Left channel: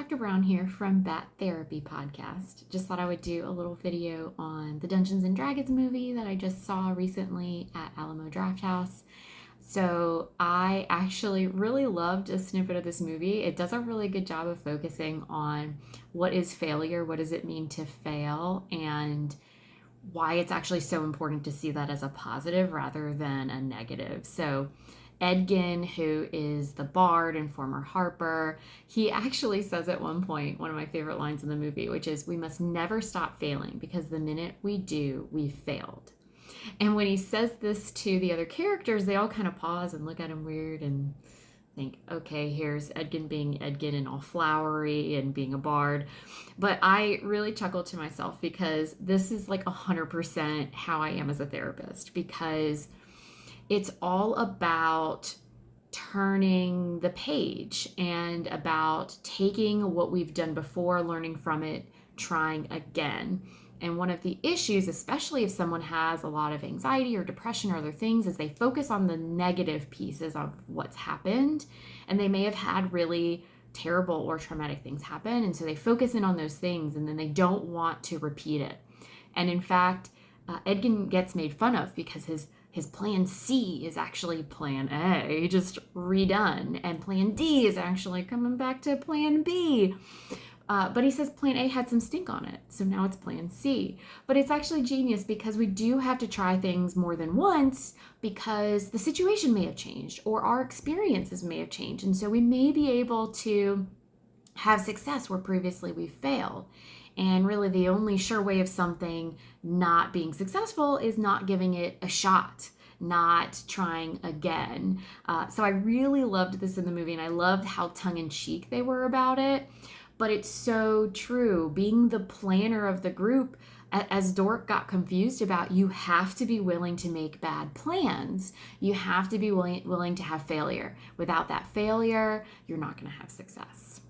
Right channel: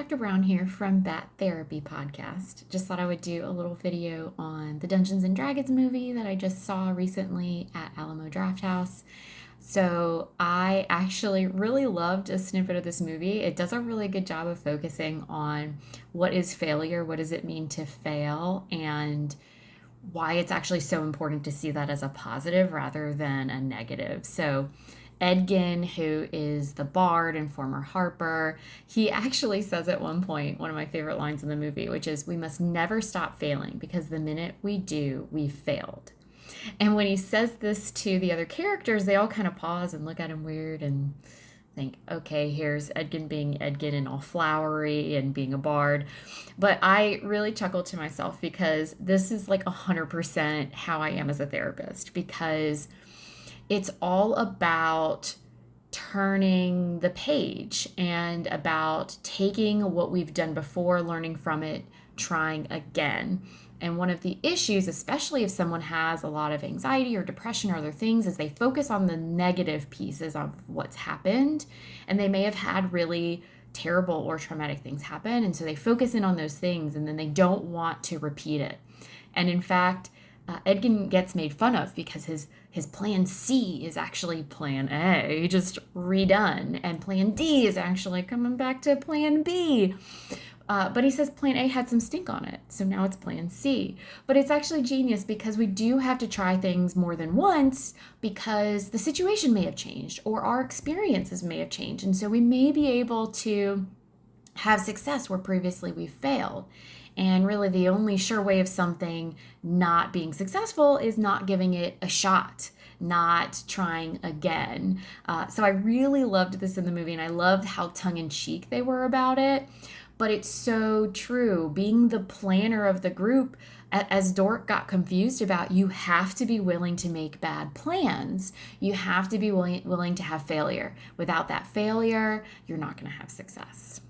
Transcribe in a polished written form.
Dr. Brown here from Bat Therapy Podcast. Just thought I would do a little video on the Dungeons and Dragons movie that I just saw recently at Alamo Drafthouse. So I actually really loved a snippet of this movie. It does a really good job of focusing on what is failure, what does it mean to fail, and why it's actually so important to see that as a positive rather than a negative. So Edgin, who is the bard and former harper, he actually says at one point, one of my favorite lines in the movie, which is, "We must never stop failing because the minute we do, we've failed." And when he says this to the other characters, they all kind of pause and look at him weird and think, okay, here's Edgin being Edgin and all flowery and being a bard. But I really chuckled to myself because this is like 100% how I am as a therapist, because it's all about turning the page and about taking what we've done before, learning from it, trying again. And one of the issues, especially if someone has a lot of anxiety or depression or other things, is they focus on the negative pieces of what's happened. And they may have had really terrible or traumatic things happen. And so they focus in on those things and then they don't want to repeat it. And in fact, Edgin gets made fun of because his plan C is actually plan A, just redone. And plan D is actually coming back to plan B. But he says plan A had some stink on it, so now it's plan C. But it's actually genius because we do have to try things more than once because the situation may have changed or our experiences may have changed. And so we may be able to have success where previously we failed. And really the only sure way of something not being successful is not giving it a shot, not trying again. So I really loved this in the movie, and I loved how tongue-in-cheek they were about it. But it's so true. Being the planner of the group, as Dork got confused about, you have to be willing to make bad plans. You have to be willing to have failure. Without that failure, you're not going to have success.